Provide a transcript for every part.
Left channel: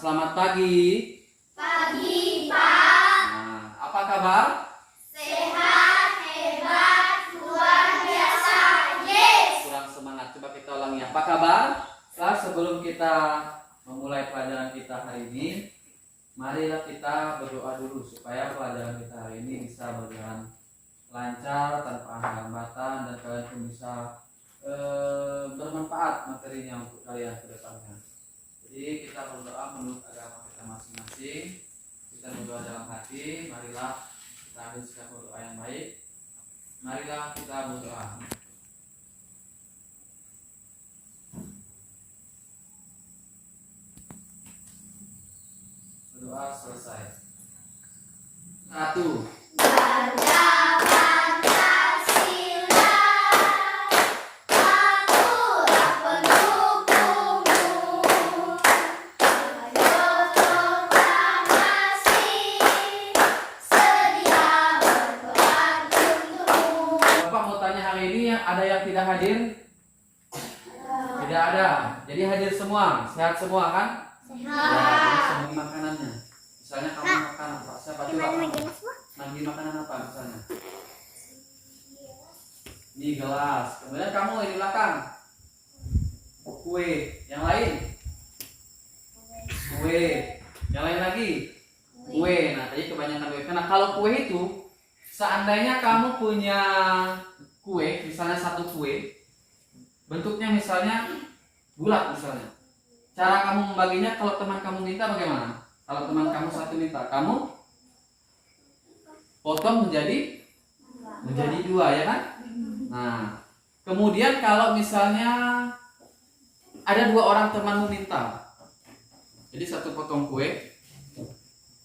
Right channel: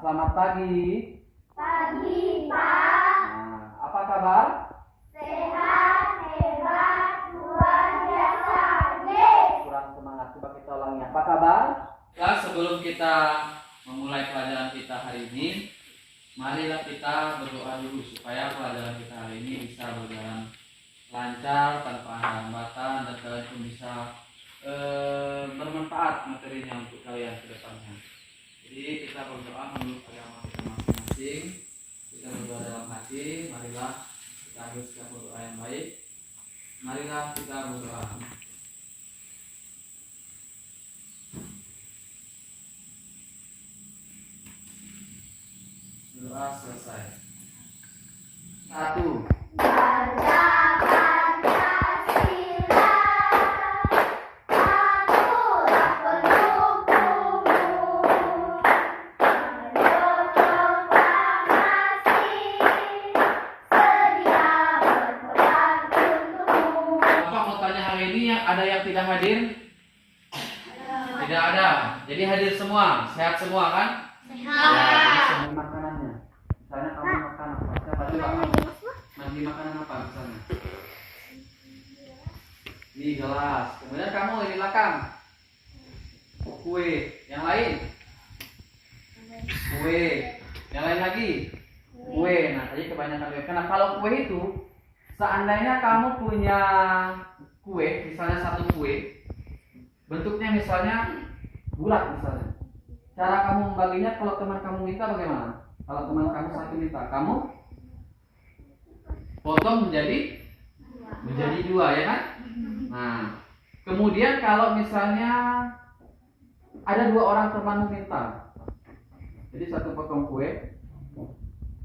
Selamat pagi. Pagi, Pak. Nah, apa kabar? Sehat, hebat, luar biasa. Yes. Kurang semangat. Coba kita ulangi. Apa kabar? Nah, sebelum kita memulai pelajaran kita hari ini, marilah kita berdoa dulu supaya pelajaran kita hari ini bisa berjalan lancar tanpa hambatan dan kalian pun bisa bermanfaat materinya untuk kalian ke depannya. Jadi kita berdoa menurut agama kita masing-masing. Kita berdoa dalam hati. Marilah kita haruskan berdoa yang baik. Marilah kita berdoa. Berdoa selesai. 1. Bangga Pancasila, aturan pendukungmu, ayo proklamasi, sedia berperang untukmu. Bapak mau tanya hari ini ada yang tidak hadir? Tidak ada. Jadi hadir semua, sehat semua kan? Ya, jadi semua makanannya. Misalnya kamu makan apa? Saya bantu Bapak. Nanti makanan apa misalnya? Mie gelas. Kemudian kamu di belakang. Kue. Yang lain? Kue. Yang lain lagi? Kue. Nah, tadi kebanyakan kue. Karena kalau kue itu, seandainya kamu punya kue, misalnya satu kue, bentuknya misalnya bulat misalnya. Cara kamu membaginya kalau teman kamu minta bagaimana? Kalau teman kamu satu minta, kamu potong menjadi dua, ya kan? Nah, kemudian kalau misalnya ada dua orang temanmu minta, jadi satu potong kue,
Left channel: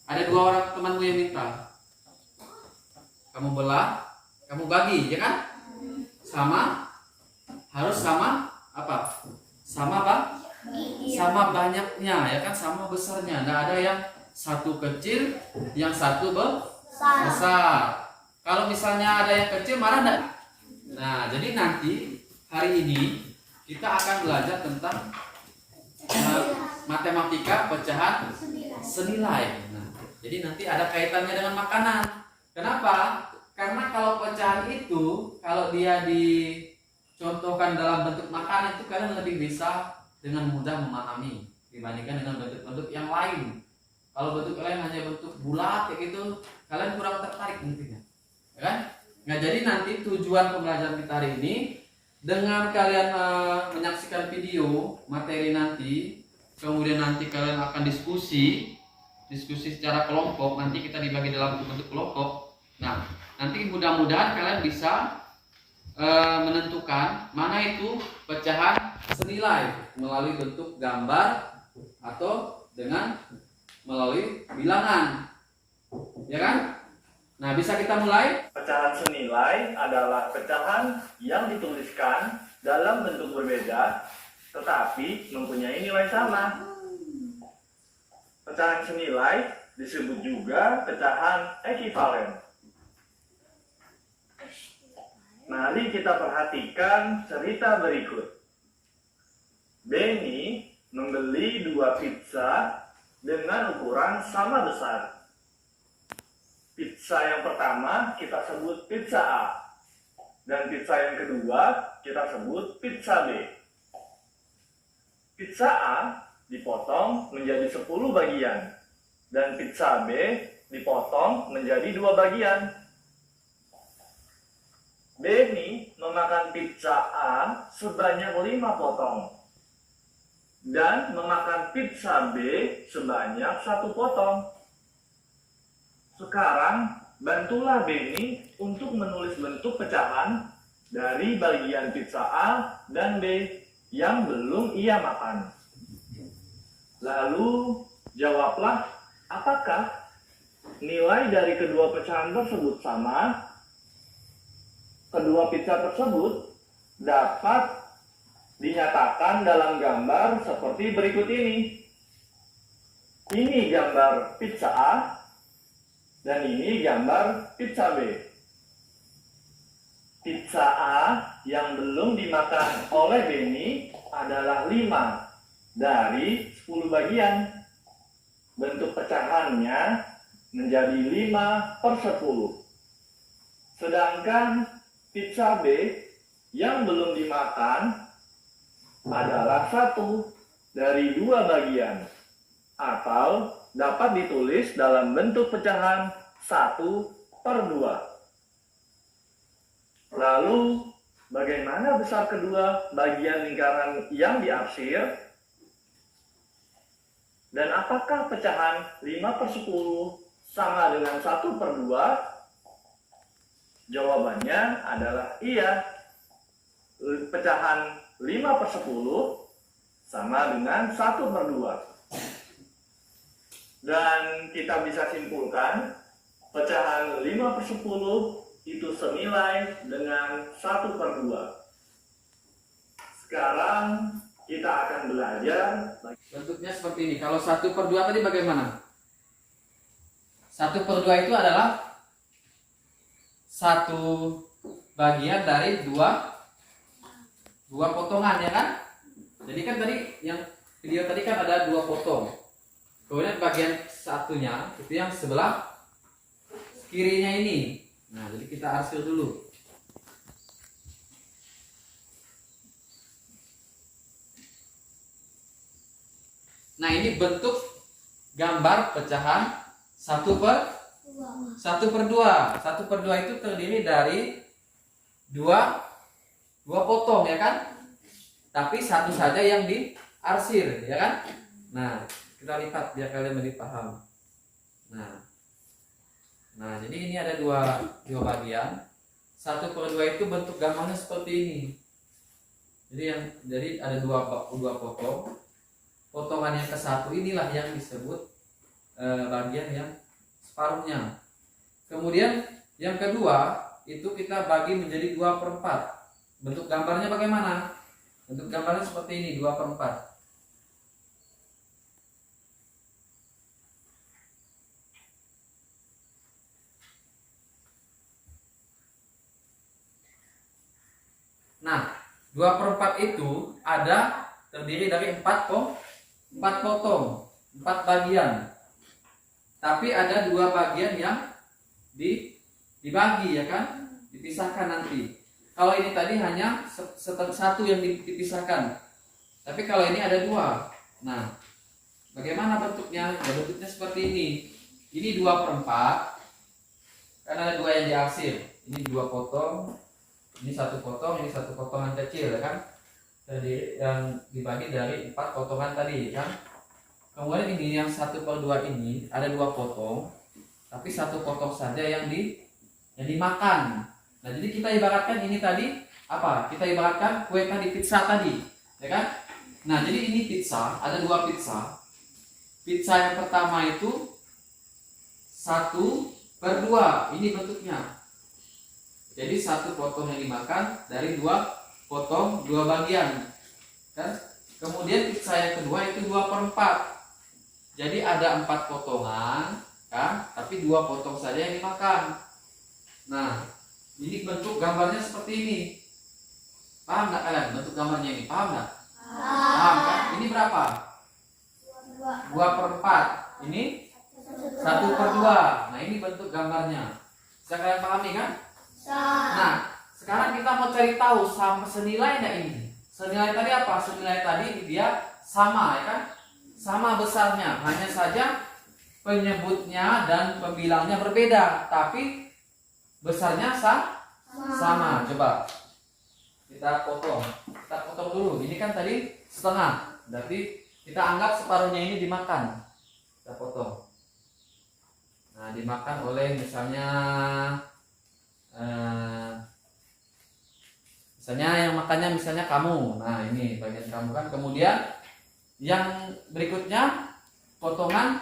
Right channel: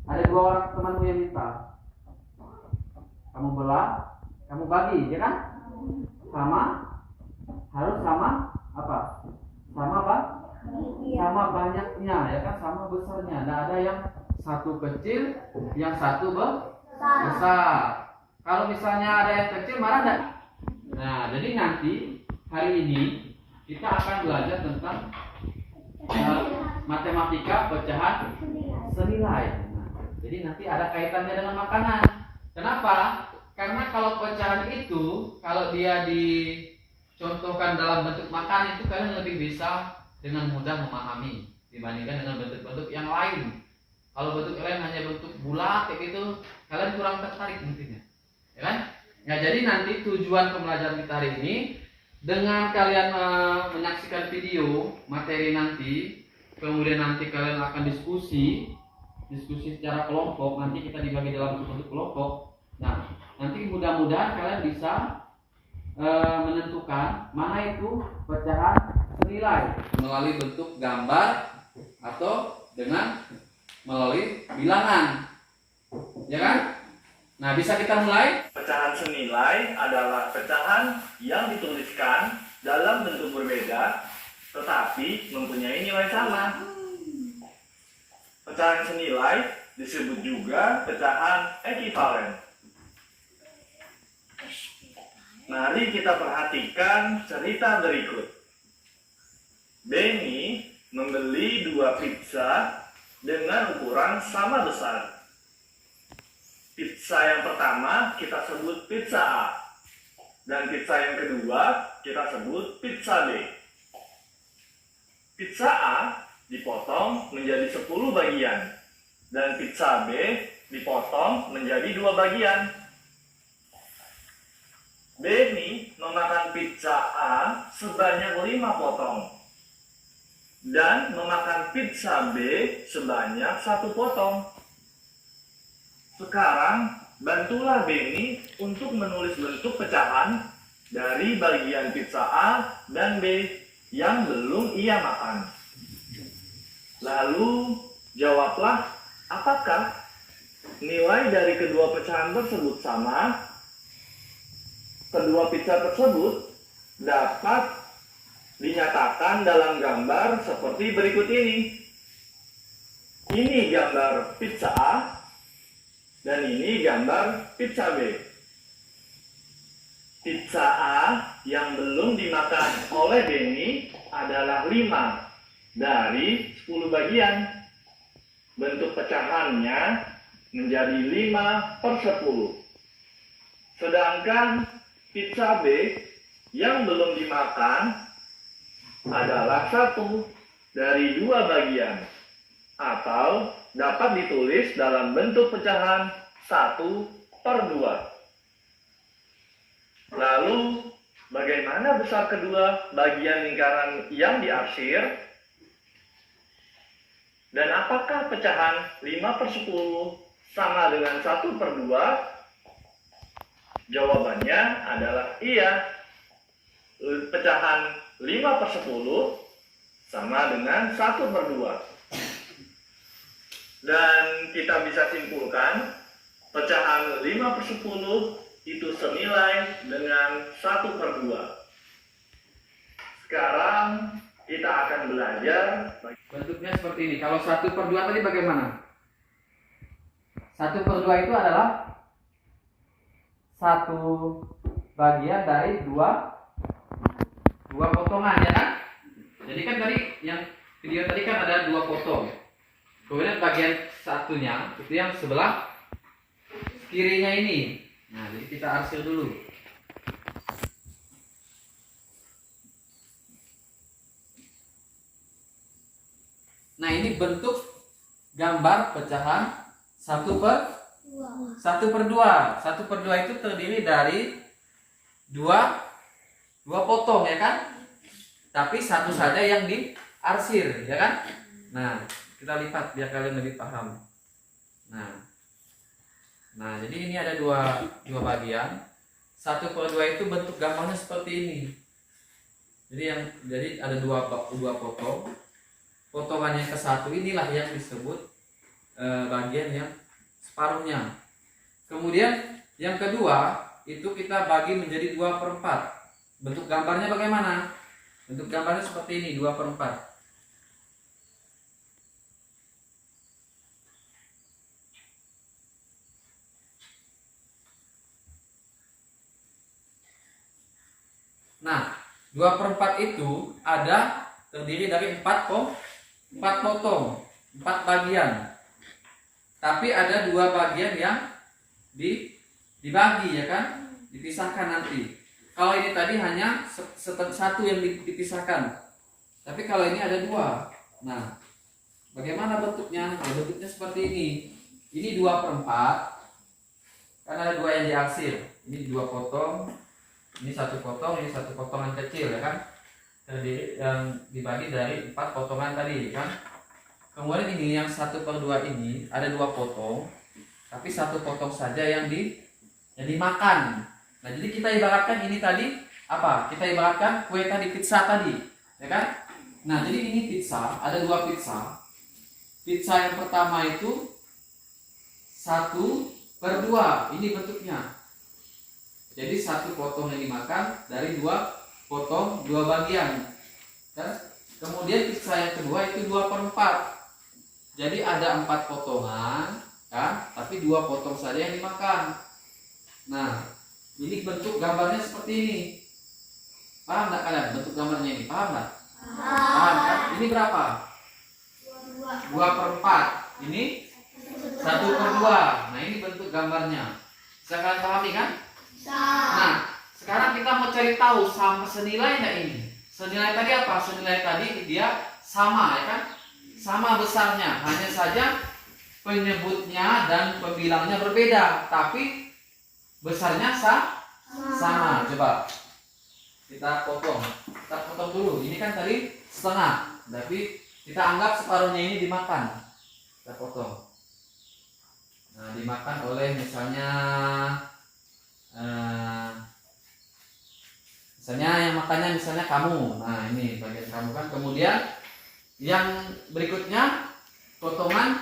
ada dua orang temanmu yang minta, kamu belah, kamu bagi, ya kan? Harus sama apa? Sama apa? Sama banyaknya, ya kan? Sama besarnya. Nggak ada yang satu kecil, yang satu besar. Kalau misalnya ada yang kecil, marah enggak? Nah, jadi nanti hari ini kita akan belajar tentang matematika pecahan senilai. Nah, jadi nanti ada kaitannya dengan makanan. Kenapa? Karena kalau pecahan itu, kalau dia dicontohkan dalam bentuk makan itu kalian lebih bisa dengan mudah memahami dibandingkan dengan bentuk-bentuk yang lain. Kalau bentuk lain hanya bentuk bulat kayak gitu, kalian kurang tertarik mungkinnya, ya kan? Nah, jadi nanti tujuan pembelajaran kita hari ini dengan kalian menyaksikan video materi nanti, kemudian nanti kalian akan diskusi secara kelompok. Nanti kita dibagi dalam bentuk kelompok. Nah, nanti mudah-mudahan kalian bisa menentukan mana itu pecahan senilai melalui bentuk gambar atau dengan melalui bilangan, ya kan? Nah, bisa kita mulai. Pecahan senilai adalah pecahan yang dituliskan dalam bentuk berbeda tetapi mempunyai nilai sama. Pecahan senilai disebut juga pecahan ekivalen. Mari kita perhatikan cerita berikut. Benny membeli 2 pizza dengan ukuran sama besar. Pizza yang pertama kita sebut pizza A, dan pizza yang kedua kita sebut pizza B. Pizza A dipotong menjadi 10 bagian, dan pizza B dipotong menjadi 2 bagian. Benny memakan pizza A sebanyak 5 potong dan memakan pizza B sebanyak 1 potong. Sekarang bantulah Benny untuk menulis bentuk pecahan dari bagian pizza A dan B yang belum ia makan. Lalu jawablah, apakah nilai dari kedua pecahan tersebut sama? Kedua pizza tersebut dapat dinyatakan dalam gambar seperti berikut ini. Ini gambar pizza A dan ini gambar pizza B. Pizza A yang belum dimakan oleh Benny adalah 5 dari 10 bagian. bentuk pecahannya menjadi 5/10. Sedangkan pizza B yang belum dimakan adalah 1 dari 2 bagian, atau dapat ditulis dalam bentuk pecahan 1/2. Lalu, bagaimana besar kedua bagian lingkaran yang diarsir? Dan apakah pecahan 5/10 sama dengan 1/2? Jawabannya adalah iya. Pecahan 5/10 sama dengan 1/2. Dan kita bisa simpulkan pecahan 5/10 itu senilai dengan 1/2. Sekarang kita akan belajar. Bentuknya seperti ini. Kalau 1/2 tadi bagaimana? 1/2 itu adalah satu bagian dari dua potongan, ya kan? Jadi kan tadi yang video tadi kan ada 2 potong. Kemudian bagian satunya itu yang sebelah kirinya ini. Nah, jadi kita arsir dulu. Nah, ini bentuk gambar pecahan 1/2. 1/2 itu terdiri dari dua potong, ya kan? Tapi satu saja yang diarsir, ya kan? Nah, kita lihat biar kalian lebih paham. Nah, jadi ini ada dua bagian. 1/2 itu bentuk gambarnya seperti ini. Jadi ada dua potong. Potongan yang ke-1 inilah yang disebut bagian yang separuhnya. Kemudian yang kedua itu kita bagi menjadi 2/4. Bentuk gambarnya bagaimana? Bentuk gambarnya seperti ini, 2/4. Nah, 2/4 itu ada terdiri dari 4 potong, 4 bagian. Tapi ada 2 bagian yang dibagi, ya kan? Dipisahkan nanti. Kalau ini tadi hanya satu yang dipisahkan. Tapi kalau ini ada 2. Nah, bagaimana bentuknya? Ya, bentuknya seperti ini. Ini 2/4. Kan ada 2 yang diarsir. Ini 2 potong. Ini 1 potong, ini 1 potongan kecil, ya kan? Jadi yang dibagi dari 4 potongan tadi, kan? Kemudian ini yang 1/2 ini ada 2 potong, tapi 1 potong saja yang dimakan. Nah, jadi kita ibaratkan ini tadi apa? Kita ibaratkan kue tadi, pizza tadi, ya kan? Nah, jadi ini pizza, ada 2 pizza. Pizza yang pertama itu 1/2, ini bentuknya. Jadi 1 potong yang dimakan dari 2 potong 2 bagian, kan? Kemudian pizza yang kedua itu 2/4. Jadi ada 4 potongan, kan? Tapi 2 potong saja yang dimakan. Nah, ini bentuk gambarnya seperti ini. Paham nggak kalian bentuk gambarnya ini? Paham nggak? Paham kan? Ini berapa? 2/4. Ini 1/2. Nah, ini bentuk gambarnya. Bisa kalian pahami kan? Nah, sekarang kita mau cari tahu sama senilai enggak ini? Senilai tadi apa? Senilai tadi dia sama, ya kan? Sama besarnya, hanya saja penyebutnya dan pembilangnya berbeda, tapi besarnya sama. Coba kita potong dulu. Ini kan tadi setengah, tapi kita anggap separuhnya ini dimakan. Kita potong. Nah, dimakan oleh misalnya yang makannya misalnya kamu. Nah, ini bagian kamu kan. Kemudian yang berikutnya potongan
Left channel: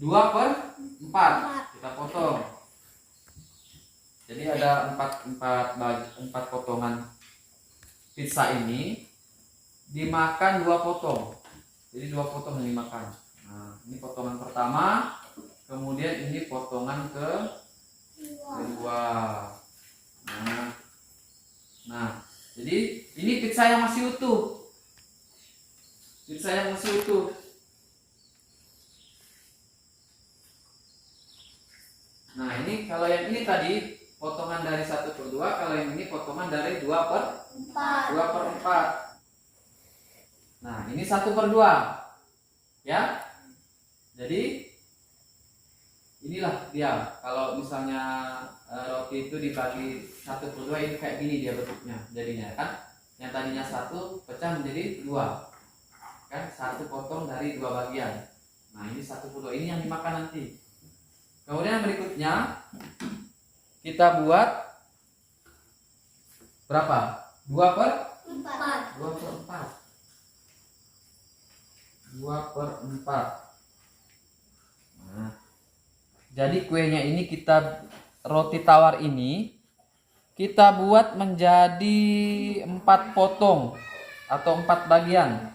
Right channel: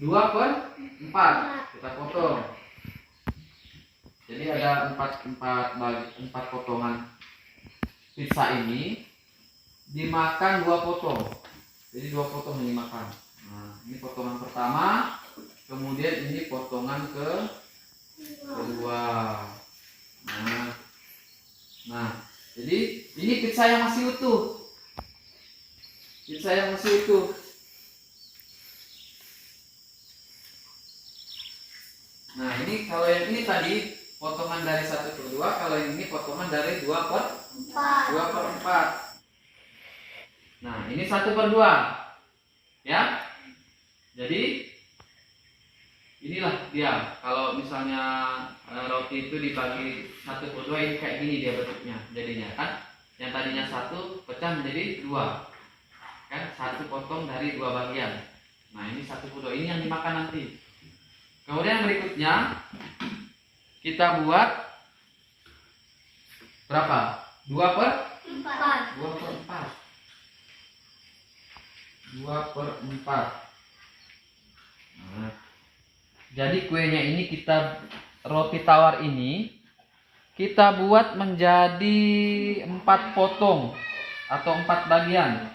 2/4 kita potong. Jadi ada 4 potongan pizza ini dimakan 2 potong. Jadi 2 potong yang dimakan. Nah, ini potongan pertama, kemudian ini potongan kedua. Nah, jadi ini pizza yang masih utuh. Pizza yang masih utuh. Nah, ini kalau yang ini tadi potongan dari 1/2, kalau yang ini potongan dari 2/4. Nah, ini 1/2. Ya. Jadi inilah dia. Kalau misalnya roti itu dibagi 1/2, ini kayak gini dia bentuknya jadinya kan. Yang tadinya 1 pecah menjadi 2. Kan 1 potong dari 2 bagian. Nah, ini 1/2. Ini yang dimakan nanti. Kemudian berikutnya kita buat berapa? 2/4. 2/4. Nah, jadi kuenya ini roti tawar ini kita buat menjadi 4 potong atau 4 bagian.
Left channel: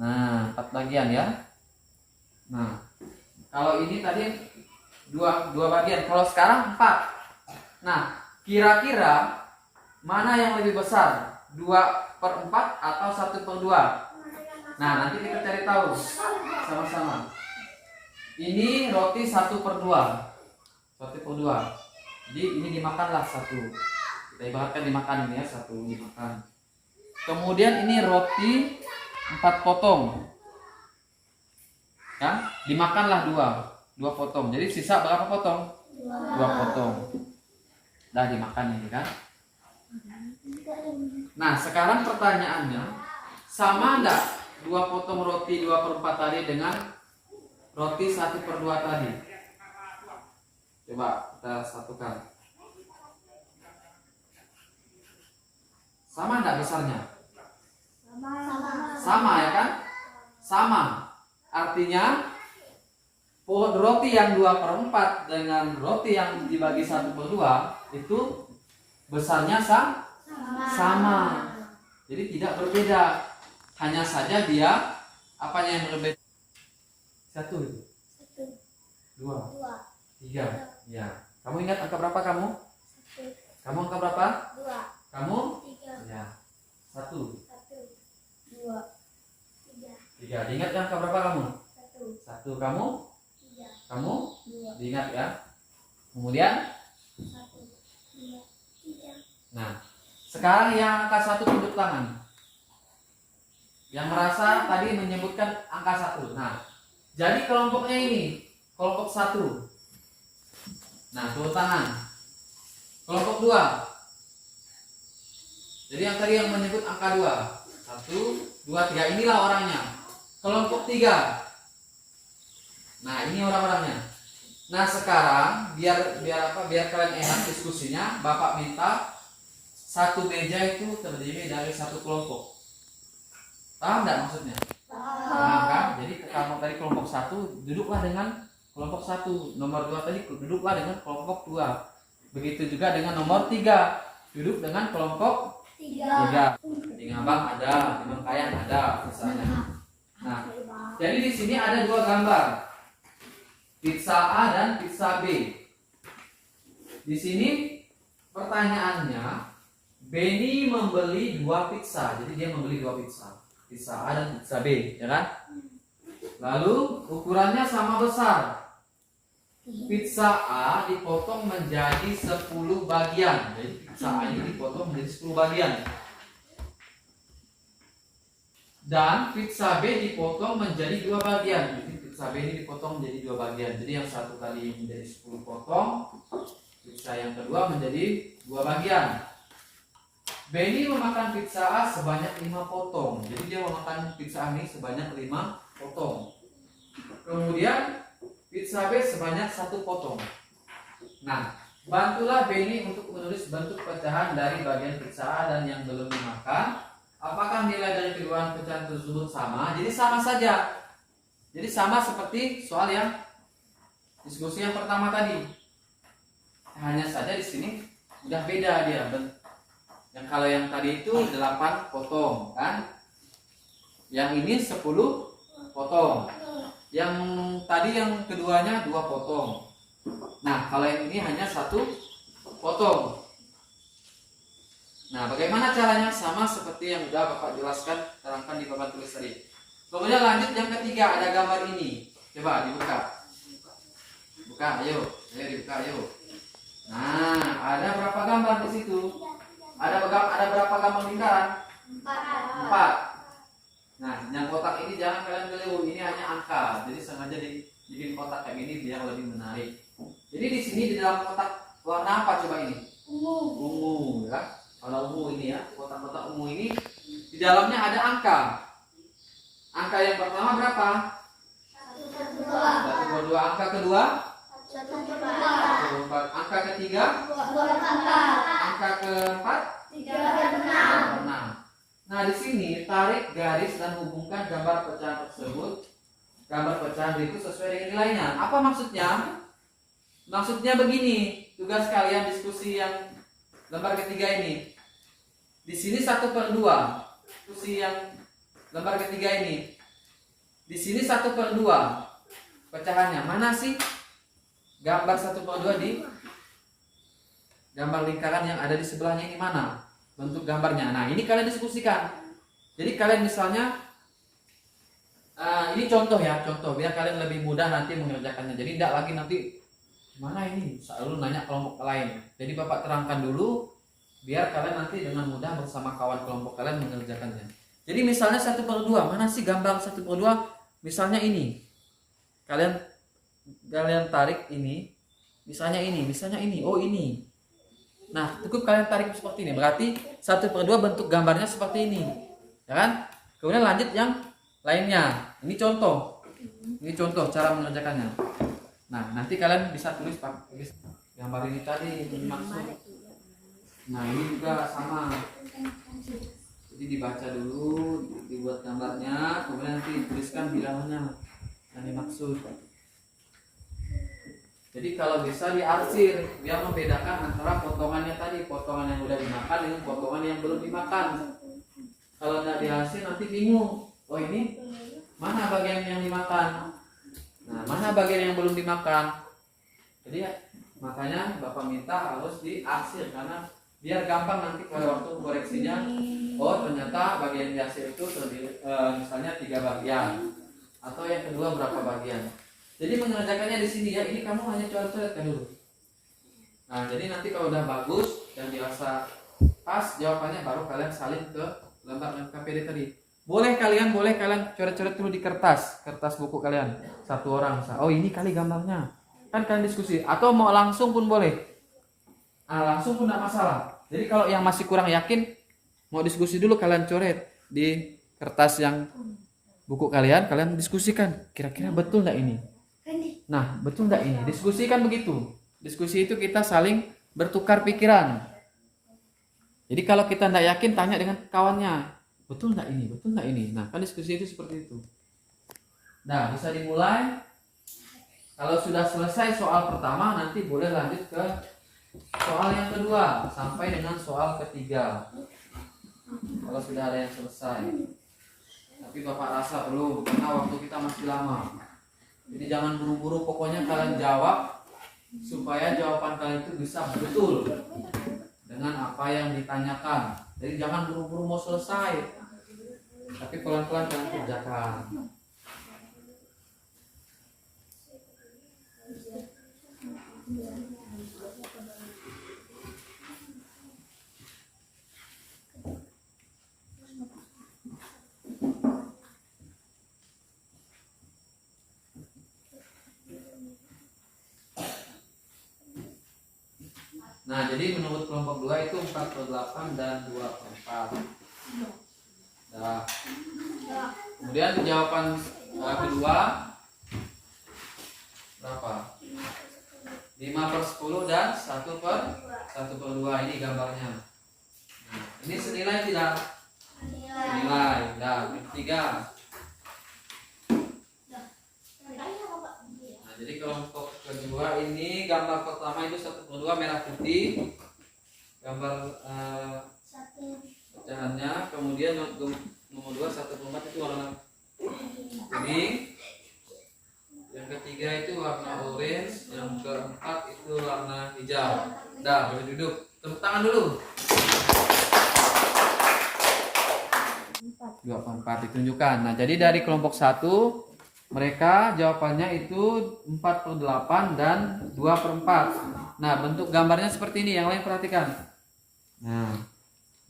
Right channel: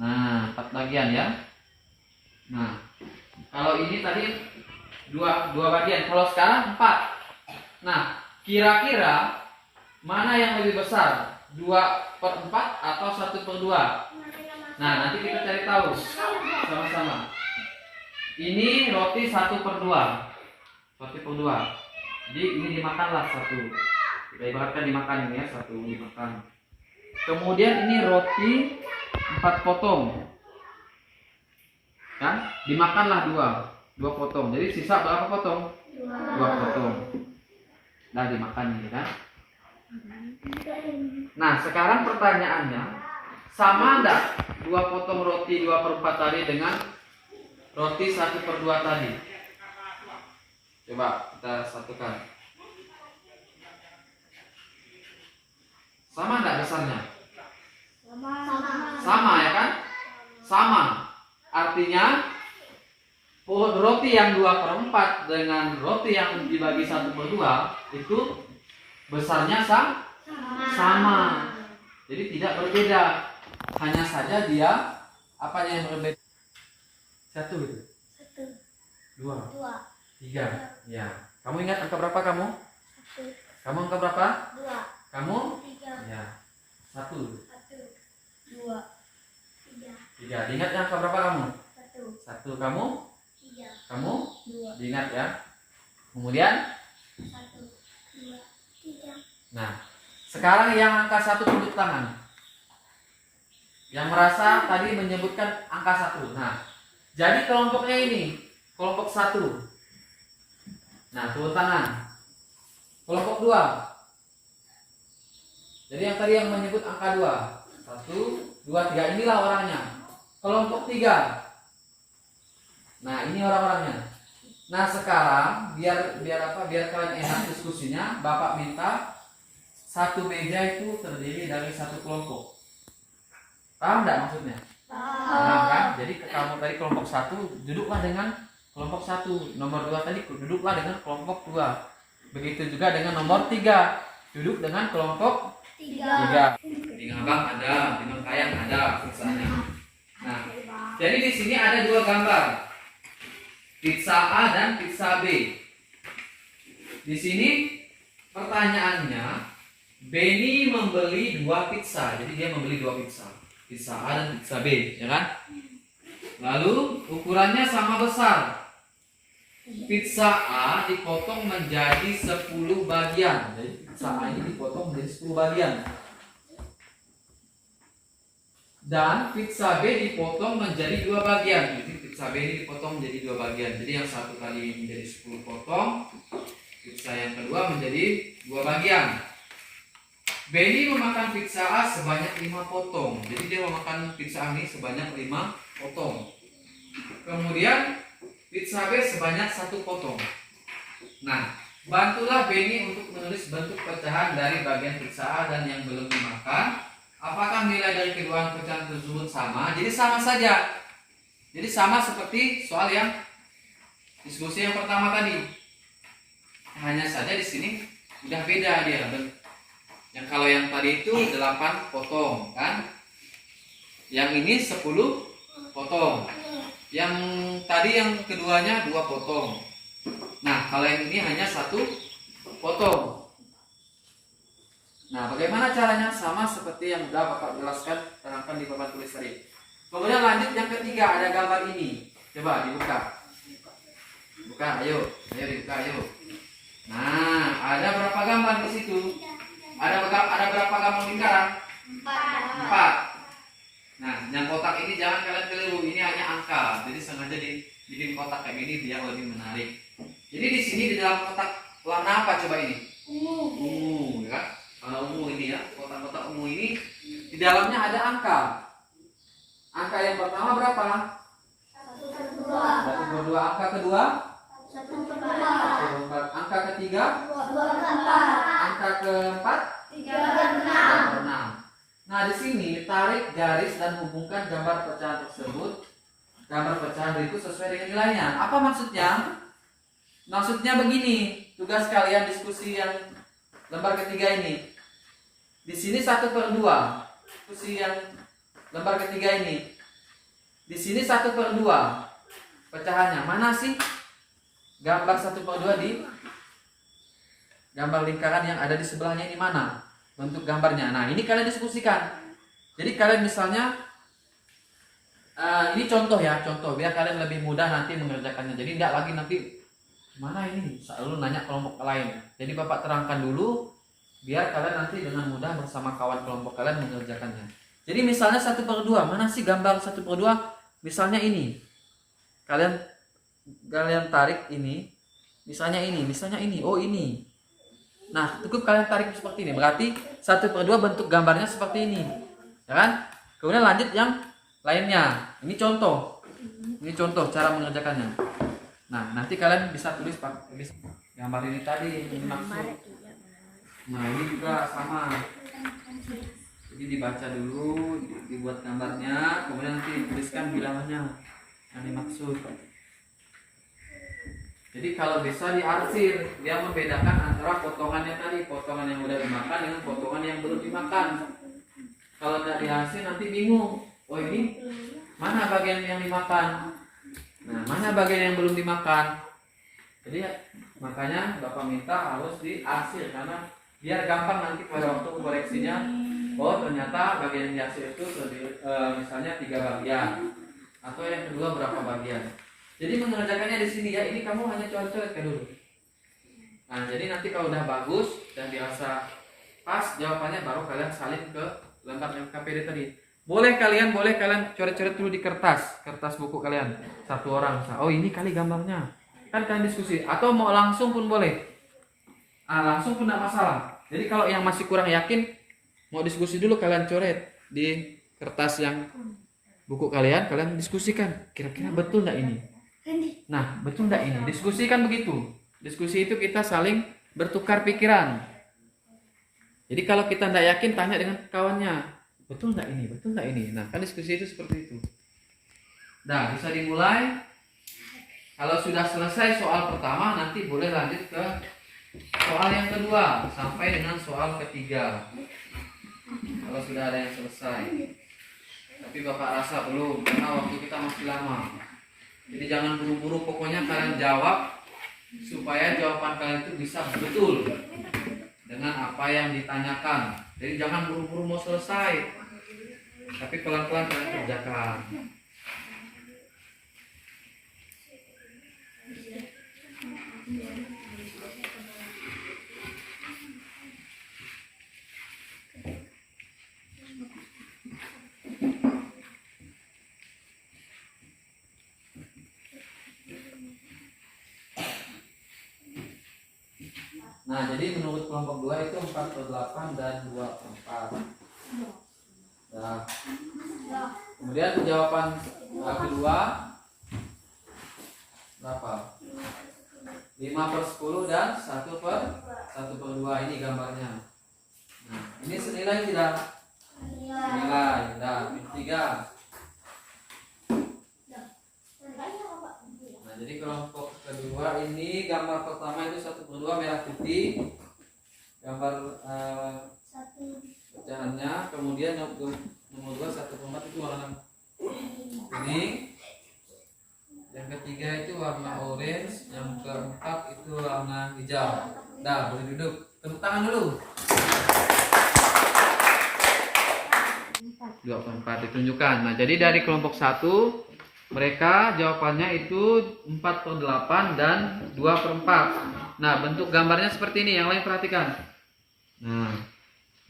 Nah, 4 bagian ya. Nah, kalau ini tadi dua bagian, kalau sekarang 4. Nah, kira-kira mana yang lebih besar? 2/4 atau 1/2? Nah, nanti kita cari tahu sama-sama. Ini roti 1/2. Jadi ini dimakanlah 1. Kita ibaratkan dimakan ini ya, 1 dimakan. Kemudian ini roti 4 potong. Kan? Dimakanlah 2 potong. Jadi sisa berapa potong? 2 potong. Dah dimakan ini kan? Nah, sekarang pertanyaannya, sama enggak 2 potong roti 2/4 tadi dengan roti 1/2 tadi? Coba kita satukan. Sama enggak besarnya? Sama ya kan? Sama. Artinya roti yang 2/4 dengan roti yang dibagi 1/2 itu besarnya sama. Jadi tidak berbeda. Hanya saja dia apa yang berbeda? 1 itu. 2. 3. Ya. Kamu ingat angka berapa kamu? 1. Kamu angka berapa? 2. Kamu? 3. Ya. 1. 2. 3. Diingat angka berapa kamu? 1. 1. Kamu? 3. Kamu? 2. Diingat ya. Kemudian 1. 2. 3. nah, sekarang yang angka 1 tunjuk tangan. Yang merasa tadi menyebutkan angka 1. Nah, jadi kelompoknya ini, kelompok 1. Nah, turun tangan. Kelompok 2. Jadi yang tadi yang menyebut angka 2. 1, 2, 3. Inilah orangnya. Kelompok 3. Nah, ini orang-orangnya. Nah, sekarang biar apa? Biar kalian enak diskusinya, Bapak minta 1 meja itu terdiri dari 1 kelompok. Paham enggak maksudnya? Paham kan? Jadi kamu tadi kelompok 1 duduklah dengan kelompok 1. Nomor 2 tadi duduklah dengan kelompok 2. Begitu juga dengan nomor 3. Duduk dengan kelompok 3. Dengan Abang ada, dengan Kayang ada misalnya. Nah, jadi di sini ada 2 gambar. Pizza A dan pizza B. Di sini pertanyaannya, Benny membeli 2 pizza. Jadi dia membeli 2 pizza. Pizza A dan pizza B, ya kan? Lalu ukurannya sama besar. Pizza A dipotong menjadi 10 bagian. Jadi pizza A ini dipotong menjadi 10 bagian. Dan pizza B dipotong menjadi 2 bagian. Jadi pizza B ini dipotong menjadi 2 bagian. Jadi yang satu kali menjadi 10 potong. Pizza yang kedua menjadi 2 bagian. Benny memakan pizza A sebanyak 5 potong. Jadi dia memakan pizza A ini sebanyak 5 potong. Kemudian pizza B sebanyak 1 potong. Nah, bantulah Benny untuk menulis bentuk pecahan dari bagian pizza A dan yang belum dimakan. Apakah nilai dari kedua pecahan tersebut sama? Jadi sama saja. Jadi sama seperti soal yang diskusi yang pertama tadi. Hanya saja di sini udah beda dia. Yang kalau yang tadi itu 8 potong kan? Yang ini 10 potong. Yang tadi yang keduanya 2 potong. Nah, kalau yang ini hanya 1 potong. Nah, bagaimana caranya? Sama seperti yang sudah Bapak jelaskan, terangkan di papan tulis tadi. Kemudian lanjut yang ketiga, ada gambar ini. Coba dibuka. Buka, ayo dibuka, ayo. Nah, ada berapa gambar di situ? Ada berapa gambar lingkaran? 4. Nah, yang kotak ini jangan kalian keliru, ini hanya angka. Jadi sengaja dibikin kotak kayak gini biar lebih menarik. Jadi di sini di dalam kotak warna apa coba ini? Ungu, ya kan? Kalau ungu ini ya, kotak-kotak ungu ini di dalamnya ada angka. Angka yang pertama berapa? 1 per 2. Angka kedua? 1 per 4. Angka ketiga? 2 per 4. Angka keempat? 3 per 6. 6. Nah, di sini tarik garis dan hubungkan gambar pecahan tersebut. Gambar pecahan berikut sesuai dengan nilainya. Apa maksudnya? Maksudnya begini, tugas kalian diskusi yang lembar ketiga ini. Di sini 1 per 2. Diskusi yang lembar ketiga ini. Di sini 1 per 2. Pecahannya mana sih? Gambar 1 per 2 di gambar lingkaran yang ada di sebelahnya ini mana? Bentuk gambarnya. Nah, ini kalian diskusikan. Jadi kalian misalnya ini contoh ya, contoh biar kalian lebih mudah nanti mengerjakannya. Jadi tidak lagi nanti mana ini selalu nanya kelompok lain. Jadi Bapak terangkan dulu biar kalian nanti dengan mudah bersama kawan kelompok kalian mengerjakannya. Jadi misalnya 1 per 2, mana sih gambar 1 per 2? Misalnya ini. Kalian tarik ini. Misalnya ini. Oh, ini. Nah, cukup kalian tarik seperti ini. Berarti 1 per 2 bentuk gambarnya seperti ini. Ya kan? Kemudian lanjut yang lainnya. Ini contoh. Ini contoh cara mengerjakannya. Nah, nanti kalian bisa tulis gambar ini tadi. Ini maksud. Nah, ini juga sama. Jadi dibaca dulu, dibuat gambarnya, kemudian nanti tuliskan bilangannya. Yang dimaksud. Jadi kalau bisa diarsir, dia membedakan antara potongannya tadi, potongan yang udah dimakan dengan potongan yang belum dimakan. Kalau nggak diarsir nanti bingung. Oh, ini mana bagian yang dimakan? Nah, mana bagian yang belum dimakan? Jadi makanya Bapak minta harus diarsir karena biar gampang nanti pada waktu koreksinya. Oh, ternyata bagian diarsir itu misalnya 3 bagian atau yang kedua berapa bagian. Jadi mengerjakannya di sini ya, ini kamu hanya coret-coretkan dulu. Nah, jadi nanti kalau udah bagus dan dirasa pas jawabannya baru kalian salin ke lembar KPD tadi. Boleh kalian coret-coret dulu di kertas buku kalian. 1 orang. Oh, ini kali gambarnya. Kan kalian diskusi atau mau langsung pun boleh. Langsung pun tidak masalah. Jadi kalau yang masih kurang yakin mau diskusi dulu kalian coret di kertas yang buku kalian diskusikan kira-kira betul enggak ini. Nah, betul enggak ini? Diskusi kan begitu. Diskusi itu kita saling bertukar pikiran. Jadi kalau kita enggak yakin, tanya dengan kawannya. Betul enggak ini? Betul enggak ini? Nah, kan diskusi itu seperti itu. Nah, bisa dimulai. Kalau sudah selesai soal pertama, nanti boleh lanjut ke soal yang kedua sampai dengan soal ketiga. Kalau sudah ada yang selesai. Tapi Bapak rasa belum, karena waktu kita masih lama. Jadi jangan buru-buru, pokoknya kalian jawab supaya jawaban kalian itu bisa betul dengan apa yang ditanyakan. Jadi jangan buru-buru mau selesai, tapi pelan-pelan kalian kerjakan. Nah, jadi menurut kelompok 2 itu 4/8 dan 2/4. Nah, kemudian jawaban kedua berapa? 5/10 dan 1/2. Ini gambarnya. Nah, ini senilai tidak? Senilai. Nah, tiga. Nah, jadi kelompok kedua ini gambar pertama itu 1/2 merah putih. Gambar pecahannya. Kemudian nomor 2 1/4 itu warna kuning. Yang ketiga itu warna orange, yang keempat itu warna hijau. Dah, boleh duduk. Tepuk tangan dulu. 2/4 ditunjukkan. Nah, jadi dari kelompok 1 Mereka jawabannya itu 4/8 dan 2/4. Nah, bentuk gambarnya seperti ini. Yang lain perhatikan. Nah,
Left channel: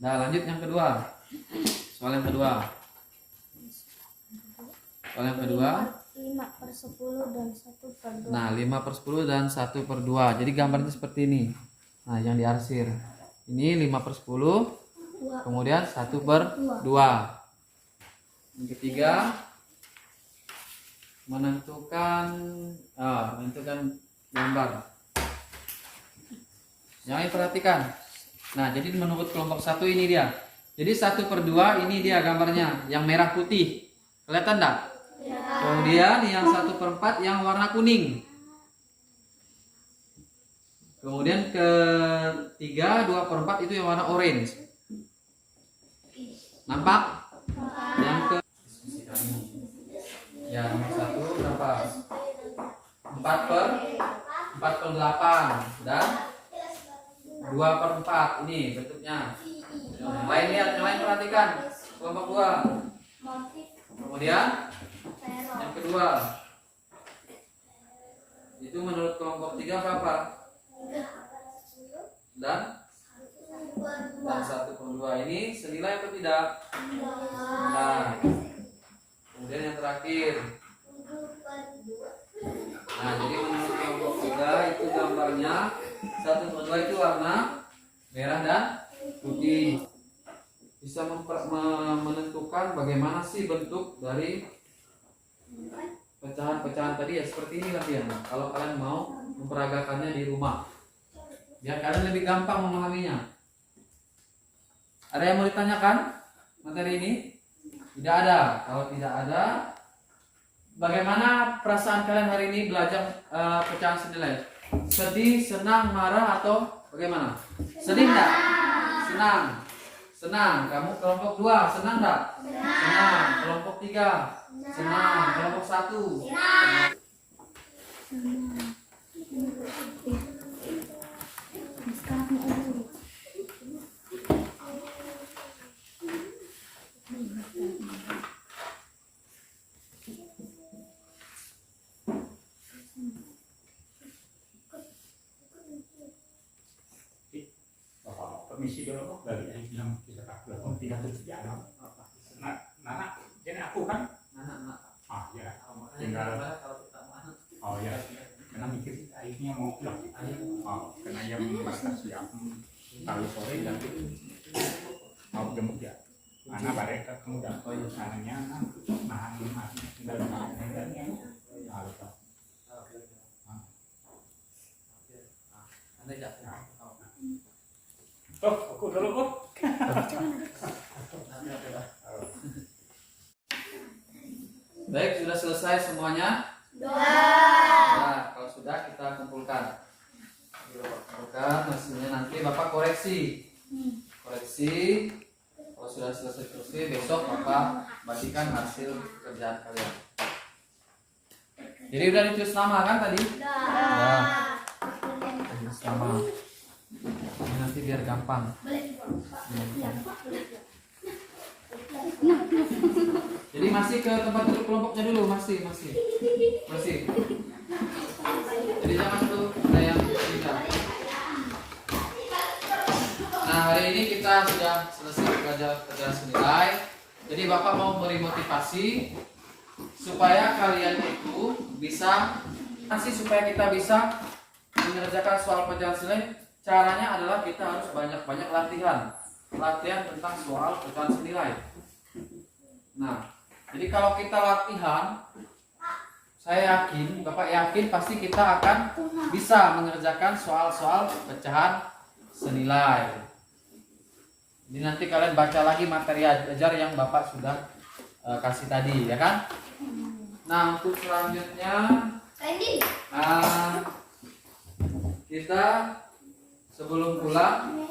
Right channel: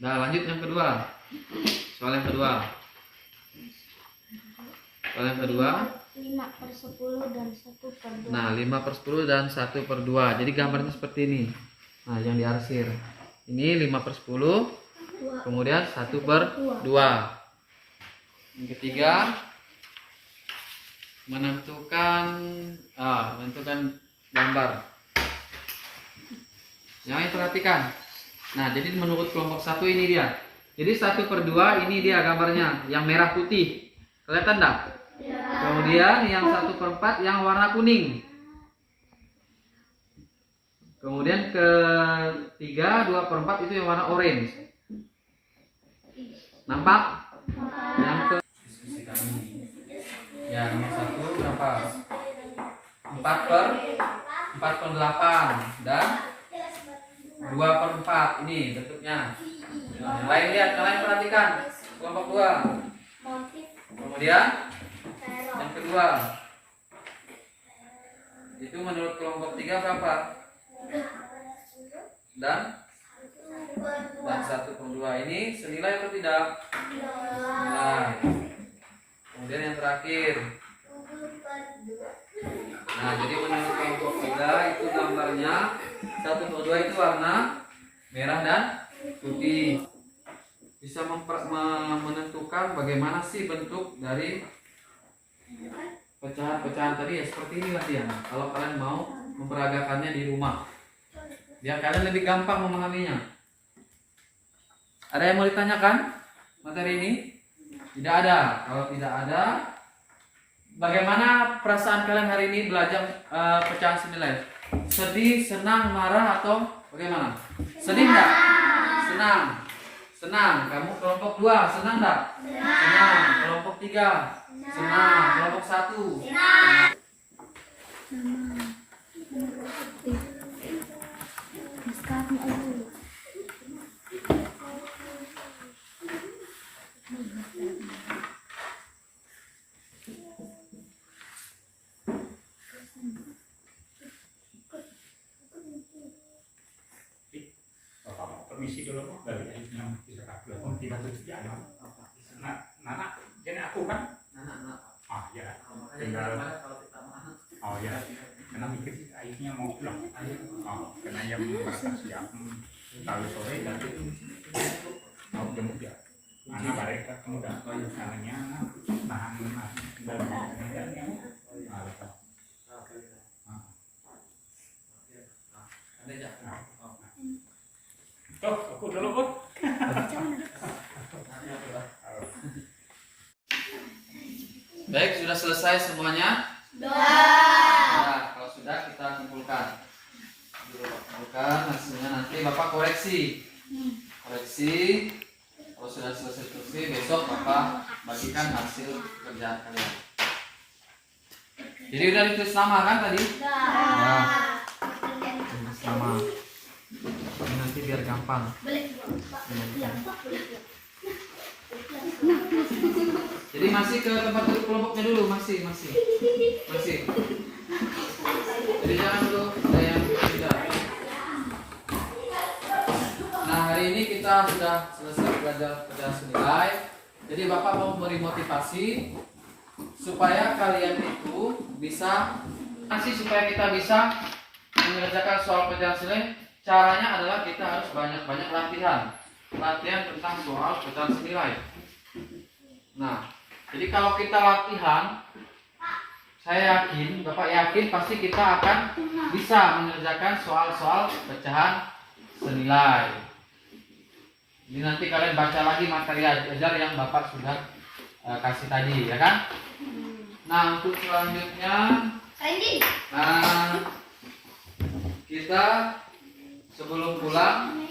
lanjut yang kedua. Soal yang kedua. 5/10 dan 1/2. Nah, 5/10 dan 1/2. Jadi gambarnya seperti ini. Nah, yang diarsir. Ini 5/10, kemudian 1/2. Yang ketiga, menentukan gambar. Yang ini perhatikan. Nah, jadi menurut kelompok 1 ini dia. Jadi 1/2 ini dia gambarnya, yang merah putih. Kelihatan enggak? Kemudian yang 1/4 yang warna kuning. Kemudian ketiga 2/4 itu yang warna orange. Nampak? Yang ke ya, nomor 1 berapa? 4/8 dan 2/4 ini bentuknya. Yang lain lihat, yang lain perhatikan. Kelompok 2. Kemudian yang kedua. Itu menurut kelompok 3 berapa? Dan 1/2 ini senilai atau tidak? Nah, kemudian yang terakhir. Nah, jadi menurut kelompok 3 itu gambarnya 1/2 itu warna merah dan putih. Bisa menentukan bagaimana sih bentuk dari pecahan-pecahan tadi ya, seperti ini lah dia. Kalau kalian mau memperagakannya di rumah, biar kalian lebih gampang memahaminya. Ada yang mau ditanyakan materi ini? Tidak ada. Kalau tidak ada, bagaimana perasaan kalian hari ini belajar pecahan senilai? Sedih, senang, marah, atau bagaimana? Sedih enggak? Senang. Senang. Kamu kelompok 2 senang enggak? Senang. Kelompok 3 senang. Kelompok 1 senang. Permisi dulu dari yang tidak terjadi. Nana, jadi aku kan? Anak-anak. Ya. Tinggal kalau kita mau. Ya. Karena mikir akhirnya mau pulang. Karena yang merasa siap kalau sore nanti mau jemput ya. Anak mereka kemudian anaknya nahan dan yang aku dulu Bu. Baik, sudah selesai semuanya? Nah, kalau sudah kita kumpulkan. Kumpulkan hasilnya, nanti Bapak koreksi. Kalau sudah selesai besok Bapak bagikan hasil kerjaan kalian. Jadi udah ditulis nama kan tadi? Nah, tulis nama. Ini nanti biar gampang. Jadi masih ke tempat duduk kelompoknya dulu, masih. Jadi jangan dulu ada yang tidak. Nah, hari ini kita sudah selesai belajar pecahan senilai. Jadi Bapak mau beri motivasi supaya kalian itu bisa supaya kita bisa mengerjakan soal pecahan senilai. Caranya adalah kita harus banyak-banyak latihan tentang soal pecahan senilai. Nah, jadi kalau kita latihan, saya yakin, Bapak yakin pasti kita akan bisa mengerjakan soal-soal pecahan senilai. Ini nanti kalian baca lagi materi ajar yang Bapak sudah kasih tadi, ya kan? Nah, untuk selanjutnya, kita sebelum pulang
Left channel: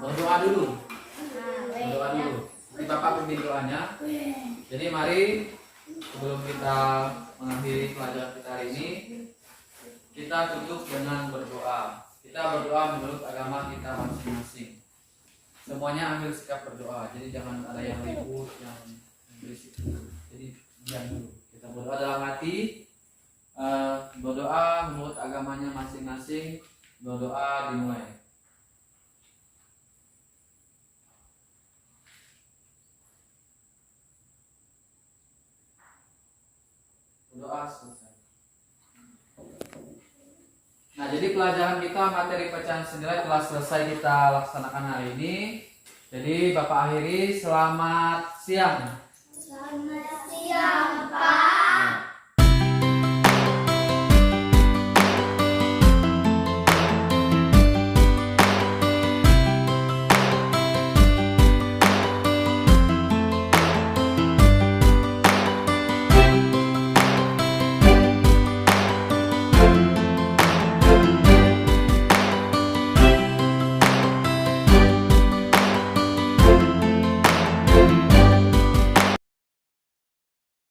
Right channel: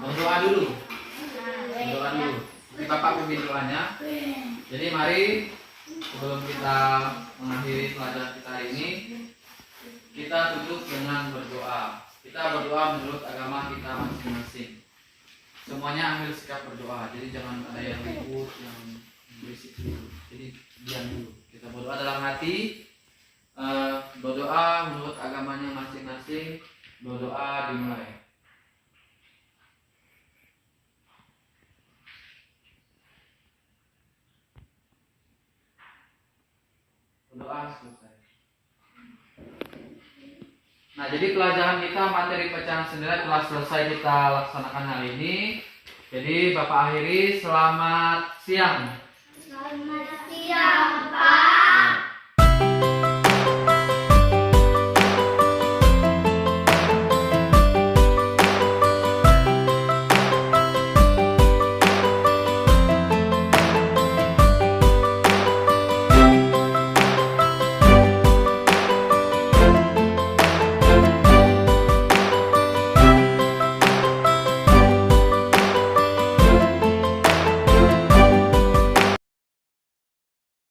berdoa dulu. Nanti Bapak pimpin doanya. Jadi mari sebelum kita mengakhiri pelajaran kita hari ini, kita tutup dengan berdoa. Kita berdoa menurut agama kita masing-masing. Semuanya ambil sikap berdoa. Jadi jangan ada yang ribut, yang berisik dulu. Jadi diam dulu. Kita Kita berdoa dalam hati, berdoa menurut agamanya masing-masing. Berdoa dimulai. Berdoa selesai. Nah, jadi pelajaran kita materi pecahan senilai telah selesai kita laksanakan hari ini. Jadi Bapak akhiri, selamat siang. Selamat